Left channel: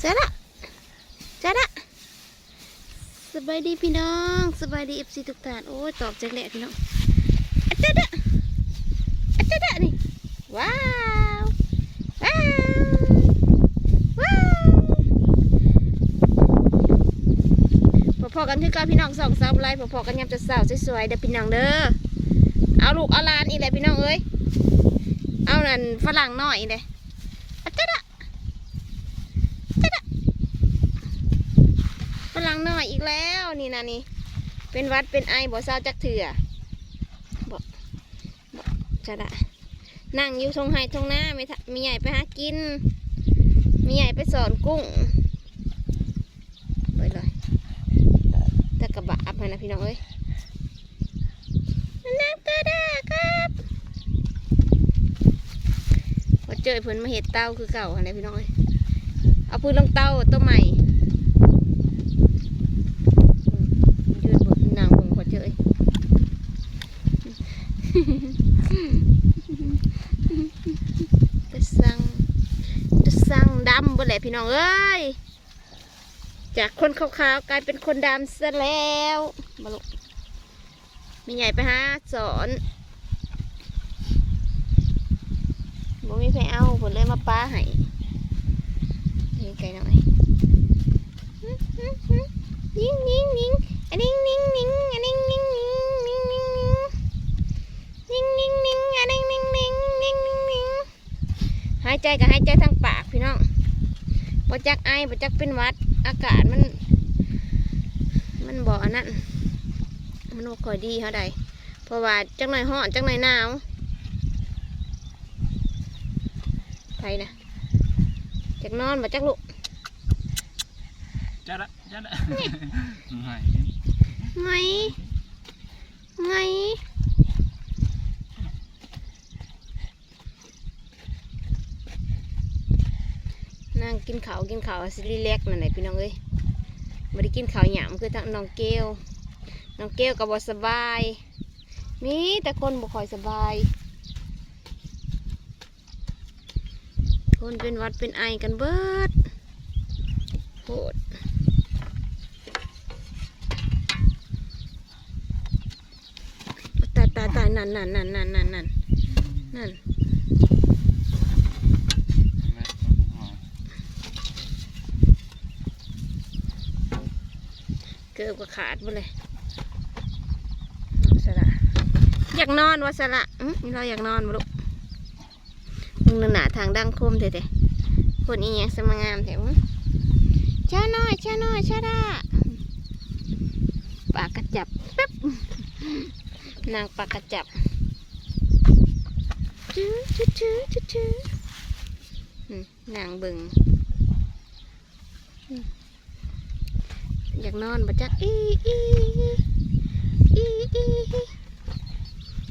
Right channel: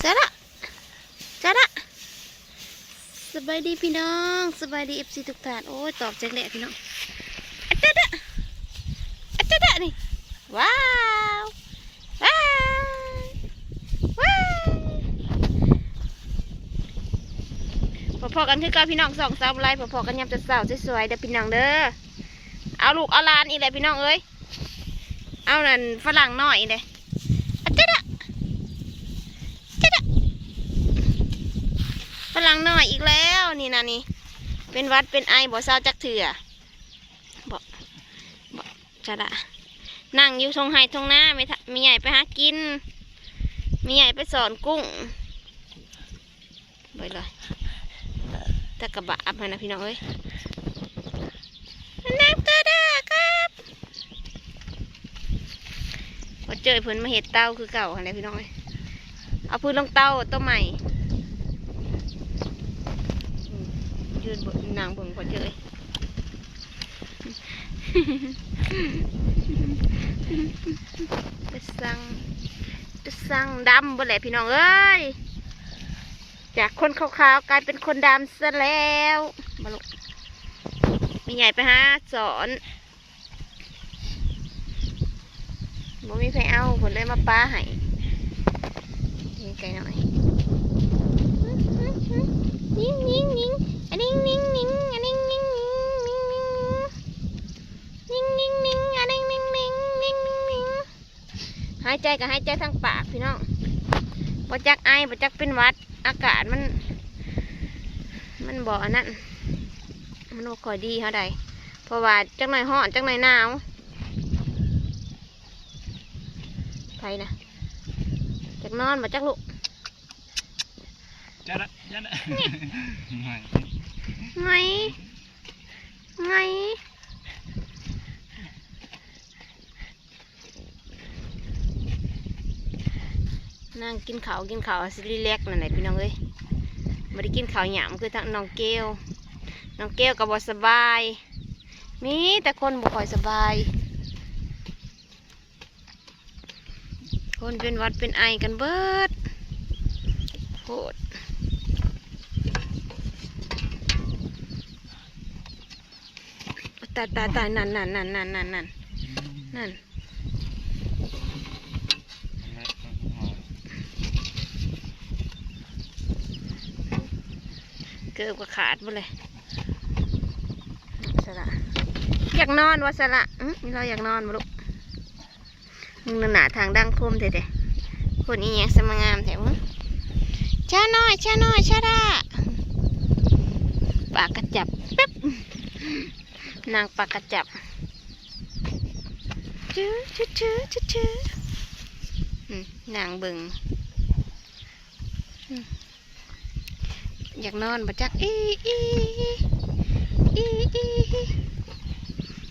เสร็จละเสร็จละสบายดีพี่น้องสบายดีเอฟซีทุกท่านโอ้ยตอบแจ็คแหละพี่น้องอัจฉริยะอัจฉริยะนี่ว้าวว้าวว้าวพอๆกันคือกับพี่น้องสองสาวไรพอๆกันยามจะสาวสวยๆเด้อพี่น้องเด้อเอาลูกเอาลานอีกเลยพี่น้องเอ้ยเอานั่นฝรั่งหน้อยเลยอัจฉริยะ ฝ รั่งน้อยอีกแล้วนี่นะนี่ เป็นวัดเป็นไอบ่เศร้าจักเถื่อบ่บ่จะละนั่งอยู่ทงไห้ทงหน้าไม่ทะมีใหญ่ไปหากิน มีใหญ่ไปสอนกุ้งไปเลยตะกระบะอับให้นะพี่น้องเอ้ยนักกระดาครับพอเจอเพิ่นมาเห็ดเต้าคือเก่าอะไรพี่น้องเอ้ยเอาพื้นลงเต้าต้นใหม่ ยืนเบนนางเบิ่งพอเจย ไปสั่งไปสั่งดำบ่แหละพี่น้องเอ้ย จากคนขาวๆกลายเป็นคนดำซะแล้วมาลุกมีใหญ่ไปหาสอนบ่มีใครเอาผลเลยมาป้าให้นี่ไก่หน่อยนิ่งนิ่งนิ่งอะนิ่งนิ่งนิ่งอะนิ่งนิ่งนิ่งนิ่งนิ่งนิ่งนิ่งนิ่งอะนิ่งนิ่งนิ่งนิ่งนิ่งนิ่ง หายใจกับหายใจทางปากพี่น้องบ่จักไอบ่จักเป็นหวัด อากาศมัน มันบ่อันนั้นมันบ่ค่อยดีเท่าใดเพราะว่าจักหน่อยร้อนจักหน่อยหนาวไปนะจักนอนบ่จักลุก Chết đấy, chết đấy. Mày. ไงไงนั่ง กินข้าวกินข้าวสิรีแลกนั่นแหละพี่น้องเอ้ยม่ได้กินข้าวหยามคือทั้งน้องเกลน้องเกลก็บ่สบายมีแต่คนบ่ค่อยสบาย คนเป็นวัดเป็นไอกันเบิดโหดตาตาตายนั่นนั่นนั่นนั่นนั่นนั่นนั่นเกือบก็ขาดหมดเลยสละอยากนอนวะสละอือเราอยากนอนมาลูกมึงนั่นหนาทางดังคมเถอะๆคนอีแยงสมงามแถวมึงช้าน้อยช้าน้อยช้าดาปากกระจับป๊บนางปากกระจับชื้อชื้อชื้อชื้อชื้อนางเบิง อยากนอนบ่จักอีอีอีอี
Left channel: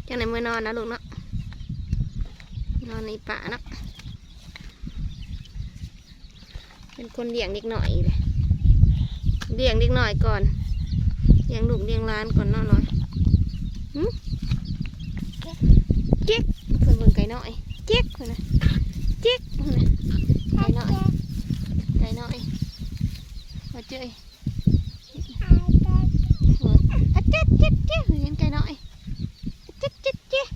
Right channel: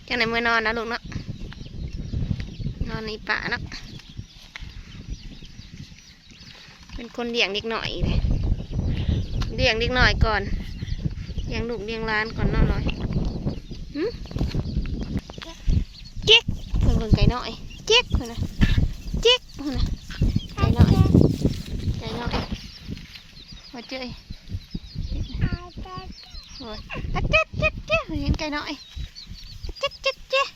จังไหนเมื่อนอนนะลูกเนาะนอนในป่าเนาะเป็นคนเลี้ยงเด็กหน่อยเลยเลี้ยงเด็กหน่อยก่อนเลี้ยงลูกเลี้ยงล้านก่อนนอนลอยเจ๊กเพิ่งเบิ่งไก่น้อยเจ๊กเพิ่นนะเจ๊กเพิ่นนะไก่น้อยไก่น้อยมาเจ้ยโอ้ยอะ เจ๊กเจ๊กเจ๊กเห็นไก่น้อยเจ๊กเจ๊กเจ๊ก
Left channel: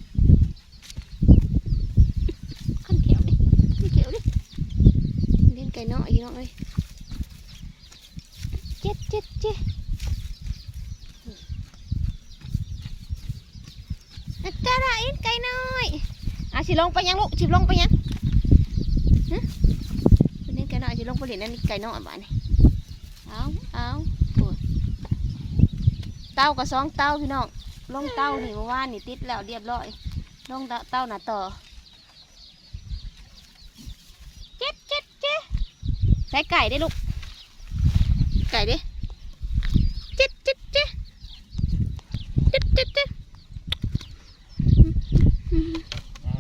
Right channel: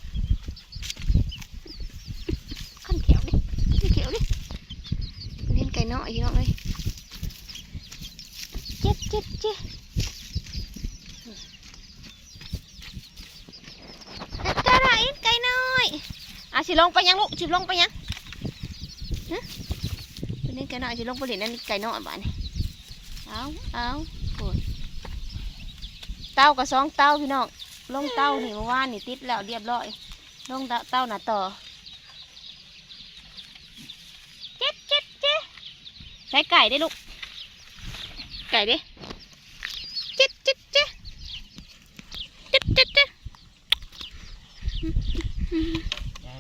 คนเขียวดิคนเขียวดิเห็นไก่น้อยอยู่น้องเอ้ยเจ๊กเจ๊กเจ๊กกระไรไก่น้อยอะสิลงไปยังลูกสิลงไปยังฮะตัวนี้ไก่น้อยสิลงไปเล่นนั่นไก่น้อยบ้านนี่เอาเอาโอ้ย เต้ากับสองเต้าพี่น้องลงเต้านี่เมื่อวานนี่ติดแล้วเรียบร้อยลงเต้าหน้าต่อเจ็ดเจ็ดเจ็ดใส่ไก่ได้ลูกไก่เด้เจ็ดเจ็ดเจ็ดเจ็ดเจ็ดเจ็ด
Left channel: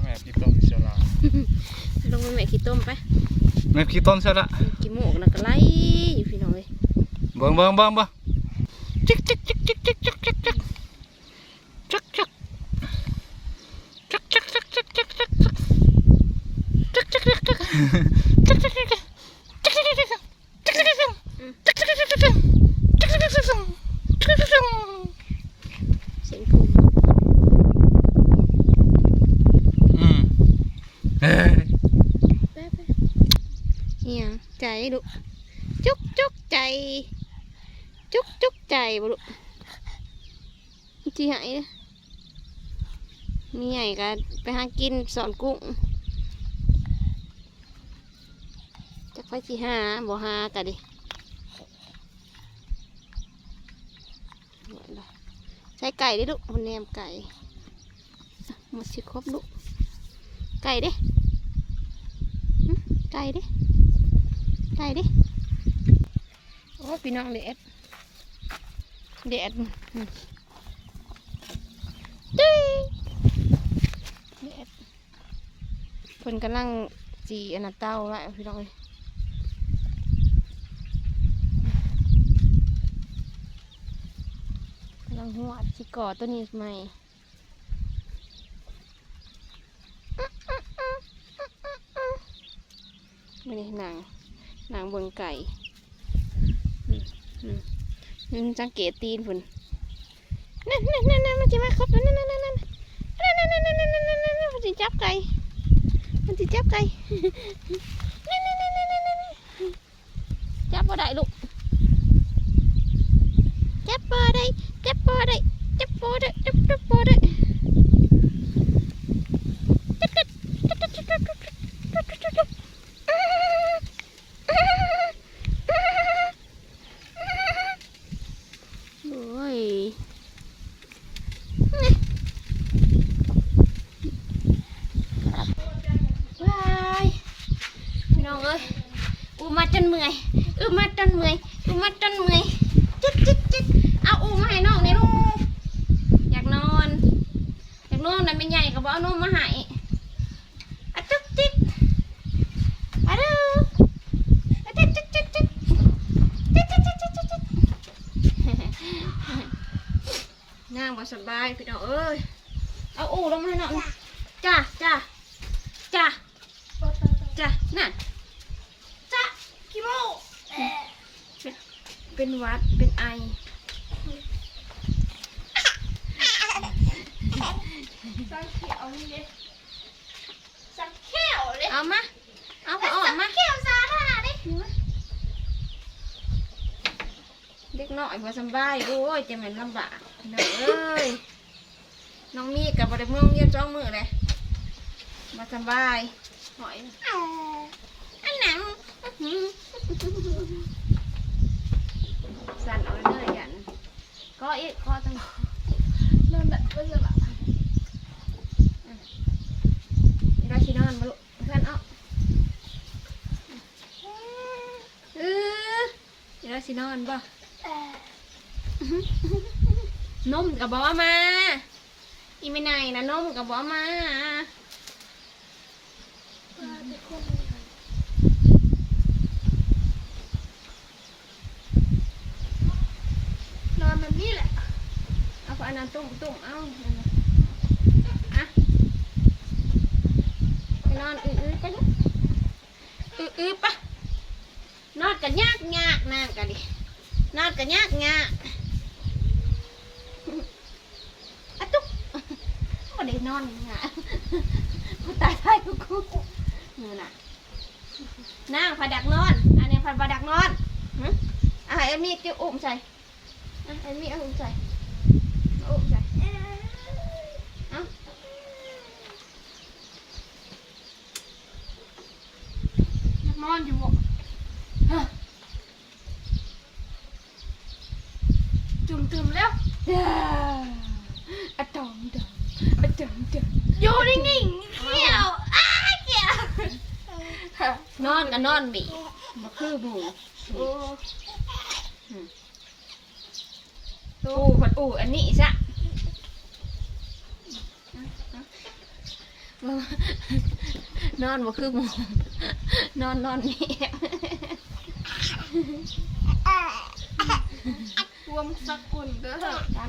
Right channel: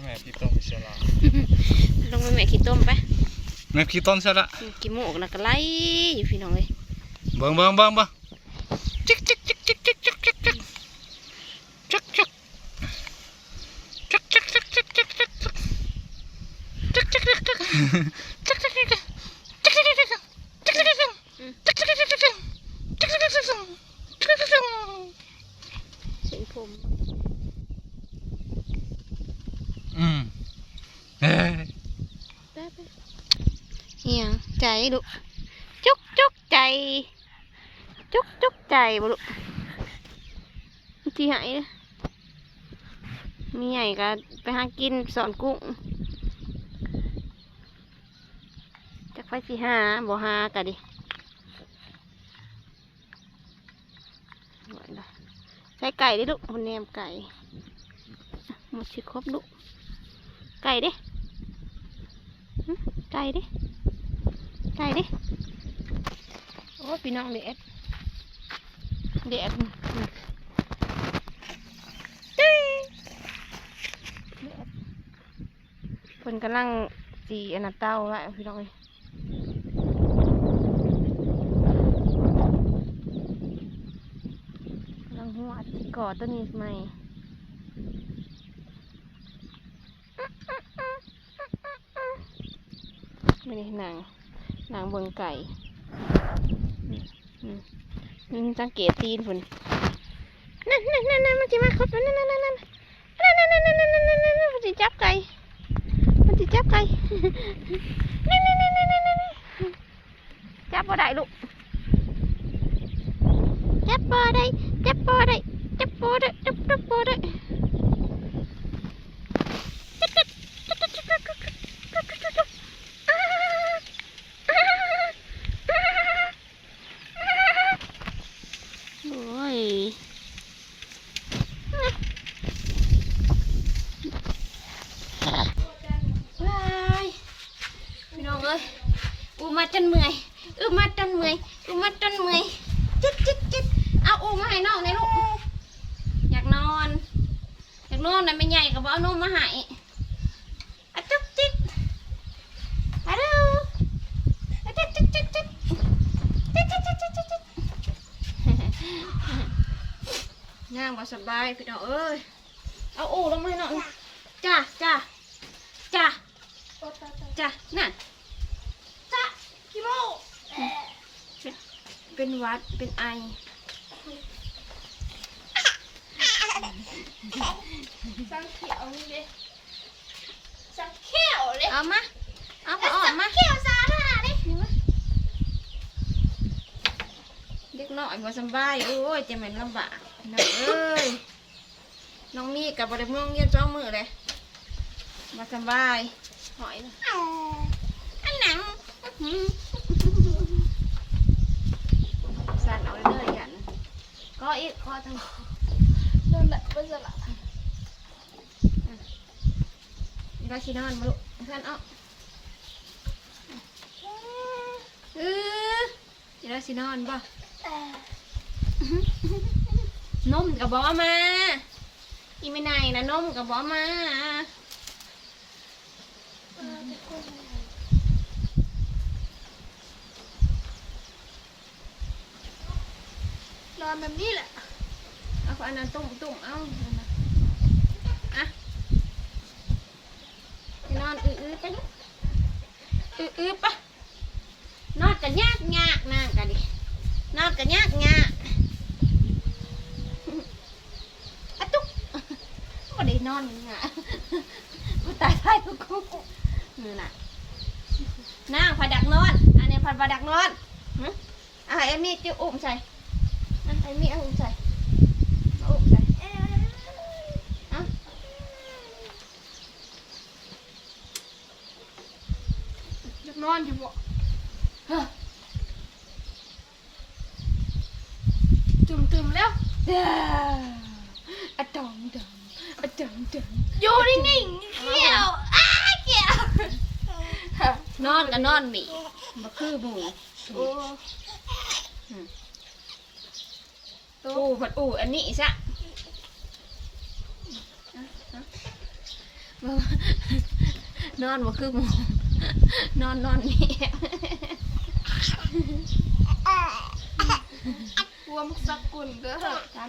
Mẹ khi tôm sẽ là. ลงไปแม่ขี้ต้มไป Mẹ khi tôm sẽ là. กี่โมกนะก็ไล่อยู่พี่น้องเลย Bâng bâng bâng bâng. Chích chích chích chích chích chích chích chích. chích chích chích chích chích chích chích chích chích chích chạy được chút chút chạy จุกจุกใจจุกจุกใจบ่ลูกที่หายมีใหญ่ก็ไปหากินสอนกุ้งจักไฟสิหาบ่หากะดิใช้ไก่ดิลูกมันแนมไก่อะหมดสิครบลูกไก่ด้หึไก่ด้ไก่ด้โอ้พี่น้องเด็ดเด็ดจุ้ยเด็ดเพิ่นกำลังจีอันนั้นเต้าไว้พี่น้องเอ้ยกำลังหัวสิก่อตัวนี้ใหม่ไม่ได้หนังหนังบนไก่อืมอืมอืม สังเกตตีนพุ่นนั่นนั่นนั่นนั่นมันจะมาครบนั่นนั่นนั่นนั่นนั่นนั่นนั่นนั่นนั่นนั่นนั่นนั่นมันจะจับไก่มันจะจับไก่นั่นนั่นนั่นนั่นนั่นนั่นจับบ่ได้ลูกจับบ่ได้จับบ่ได้จับบ่ได้จับจับบ่ได้โอ้ย ว้ายพี่น้องเอ้ยอูมาจ นเมื่อยอูมาจนเมื่อยอูมาจนเมื่อยจิ๊ดจิ๊ดจิ๊ดเอาอูมาให้น้องในลูกอยากนอนอยากนอนแต่ไม่ใหญ่ก็บเอานมมาให้อะจุ๊บจิ๊ดอะดูอะจิ๊ดจิ๊ดจิ๊ดจิ๊ดจิ๊ดจิ๊ดจิ๊ดจิ๊ดจิ๊ดนั่งสบายพี่น้องเอ้ยเอาอูลงมาให้น้องจ้าจ้าจ้ะจ้ะนั่นจ้ะพี่โมเป็น เป็นหวัด เป็นไอ สังเขียวนี่เลยสังเขียวเลยเอามา เอาพอออกมาเขียวซาร่าเลยเด็กน้อยมาสำบาย โอ้ยจะเป็นลำบากน้องเอ้ย น้องมีกับบริเมืองเยี่ยมจ้องมือเลยมาสำบาย หอยนะอันหนัง สั่นเอาเรื่อยๆยันก็อีกข้อทั้งนั่นแหละก็จะละนี่เราชินอนมาลูกเพื่อนเอาเออนี่เราชินอนบ่นมกับบอกมา อีไม่ไหนนะนมกับบอกมา นอน แบบนี้แหละ เอาอันนั้นตุ่มตุ่มเอาอันนั้นอะไปนอนอื้อๆไปลูกอื้อๆปะนอนกันยากยากนางกันดินอนกันยากยากอะตุ๊กไม่ได้นอนยังไงกูตายตายกูกูนี่ยน่ะนางผัดดักนอน อันนี้ผัดผัดดักนอนหึอะให้เอ็มมี่จิ้วอุ้มใส่ อะให้เอ็มมี่เอาอุ้มใส่เอาอุ้มใส่เอาอยากนอนอยู่บ่จุ่มตึมแล้วอะดองดองอะดองดองอยู่นิ่งๆเขียวอ้าเขียวนอนก็นอนบีมาคือหมูโอ้อูผัดอู้อันนี้ซะนอนมาคือหมูนอนนอนนี่รวมสกุลเด้อจ้า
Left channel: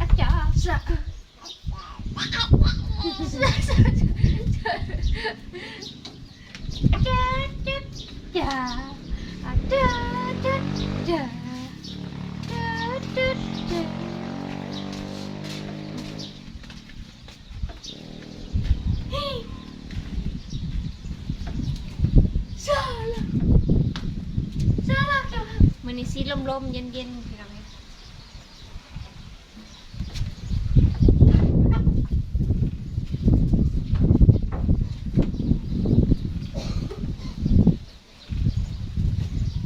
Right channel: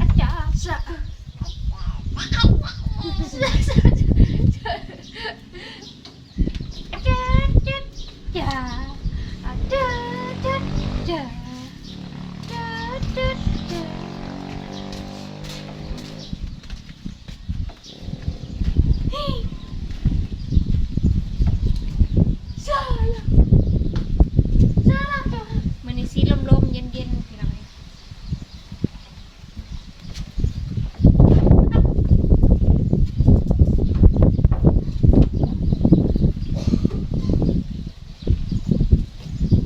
อาจารย์สะอาจารย์จ้าอาจารย์จ้าจ้าจ้าจ้าจ้า สีล มๆเย็นๆพี่น้องเอ้ย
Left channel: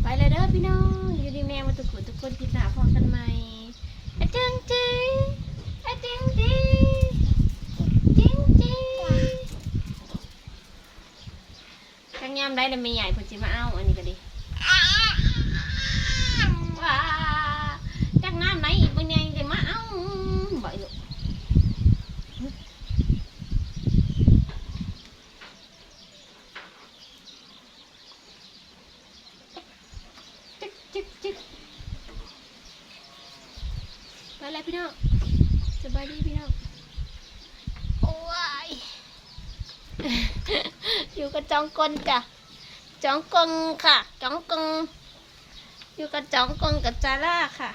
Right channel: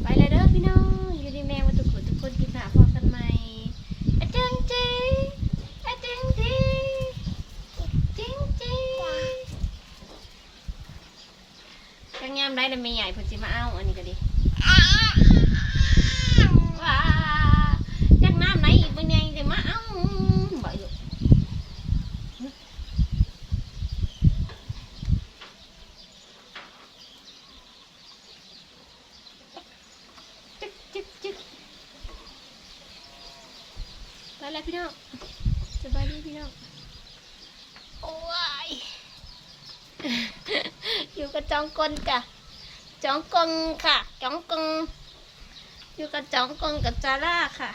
ไปเลยเด้อพี่น้องอยู่ดีแม่มาทุกคนทุกคนกินหนาพอกันใหม่อะจังจีอะจังจีจิงจีจังยามได้แล้วไม่ใหญ่เพิ่นสิมาเอาอันนี้ก็ดี ว้าจักน้ำไหนอีกเป็นไงจะมาเอาบ่อยู่จึ๊กจึ๊กจึ๊กไปแล้วพี่น้องสบายดีพี่น้องโอ้ยอยู่กับจองกลจ้ะจองกงค่ะจองกง อยู่กับจองกงกับจอร่าค่ะ